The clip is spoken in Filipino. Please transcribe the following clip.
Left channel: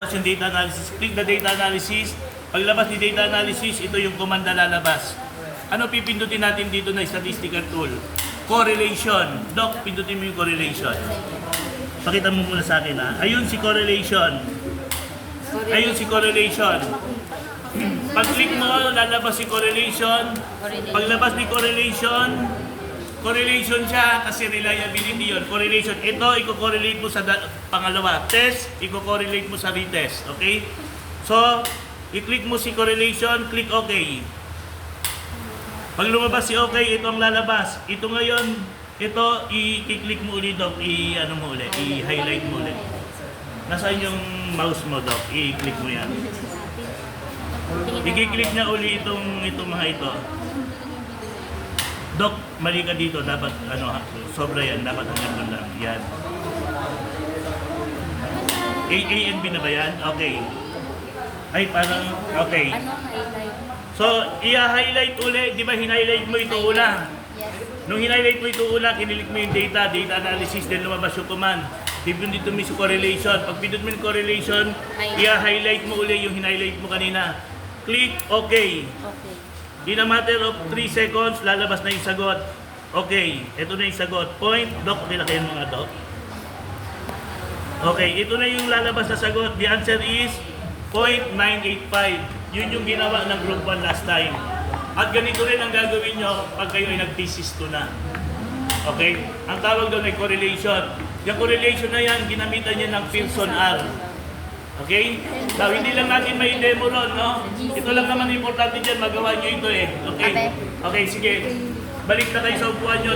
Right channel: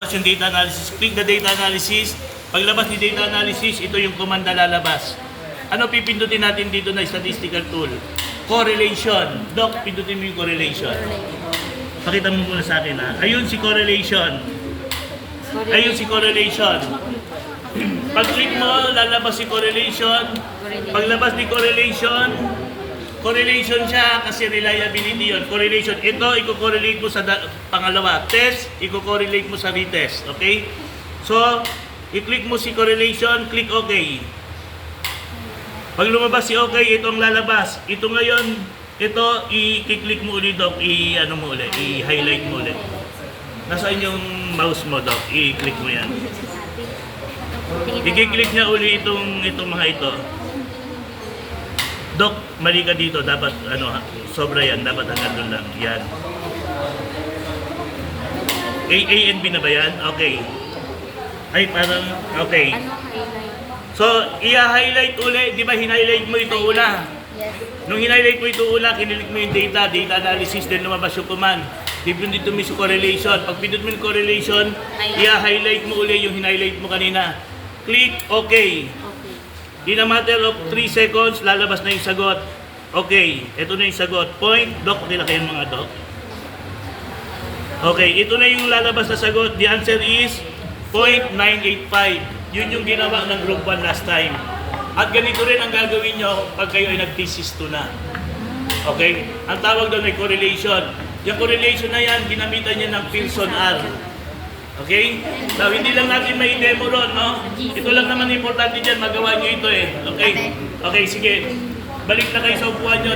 Yung data analysis, click the data analysis. Paglabas ni data analysis, ito yung command na lalabas. Ano pipindutin natin dito na statistical tool? Correlation. Doc, pindutin mo yung correlation. Pakita mo muna sa akin ha. Ayun si correlation. Ayun si correlation. Pag-click mo, lalabas si correlation. Paglabas ni correlation, correlation siya kasi reliability yun. Correlation. Ito, i-correlate mo sa pangalawa. Test, i-correlate mo sa retest. Okay? So, i-click mo si correlation, click OK. Pag lumabas si OK, ito ang lalabas. Ito ngayon, ito, i-click mo ulit, Doc. I-ano mo ulit, i-highlight mo ulit. Nasaan yung mouse mo, Doc? I-click mo yan. I-click niya ulit itong mga ito. Doc, mali ka dito. Dapat, sobra yan. Dapat hanggang doon lang. Yan. A and B na ba yan? Okay. Ay, parang, okay. So, i-highlight ulit. Di ba, hin-highlight mo ito una? Yes. Nung hin-highlight mo ito una, kinilik mo yung data analysis, then lumabas yung command. Pipindot mo yung correlation. Pag pindot mo yung correlation, i-highlight mo ulit yung hin-highlight mo kanina. Click OK. In a matter of 3 seconds, lalabas na yung sagot. Okay, ito na yung sagot. Point, Doc, nila kayo mga Doc. Okay, ito na yung lalabas na sagot. The answer is 0.985. Yun yung ginawa ng group 1 last time. At ganito rin ang gagawin nyo pag kayo ay nag-thesis 2 na. Okay? Ang tawag doon ay correlation. Yung correlation na yan, ginamitan niya ng Pearson R. Okay? So, hindi lang natin may demo ron, no? Ito lang naman importante dyan, magawa nyo ito eh. Okay? Okay, sige. Balik na kayo sa upuan nyo.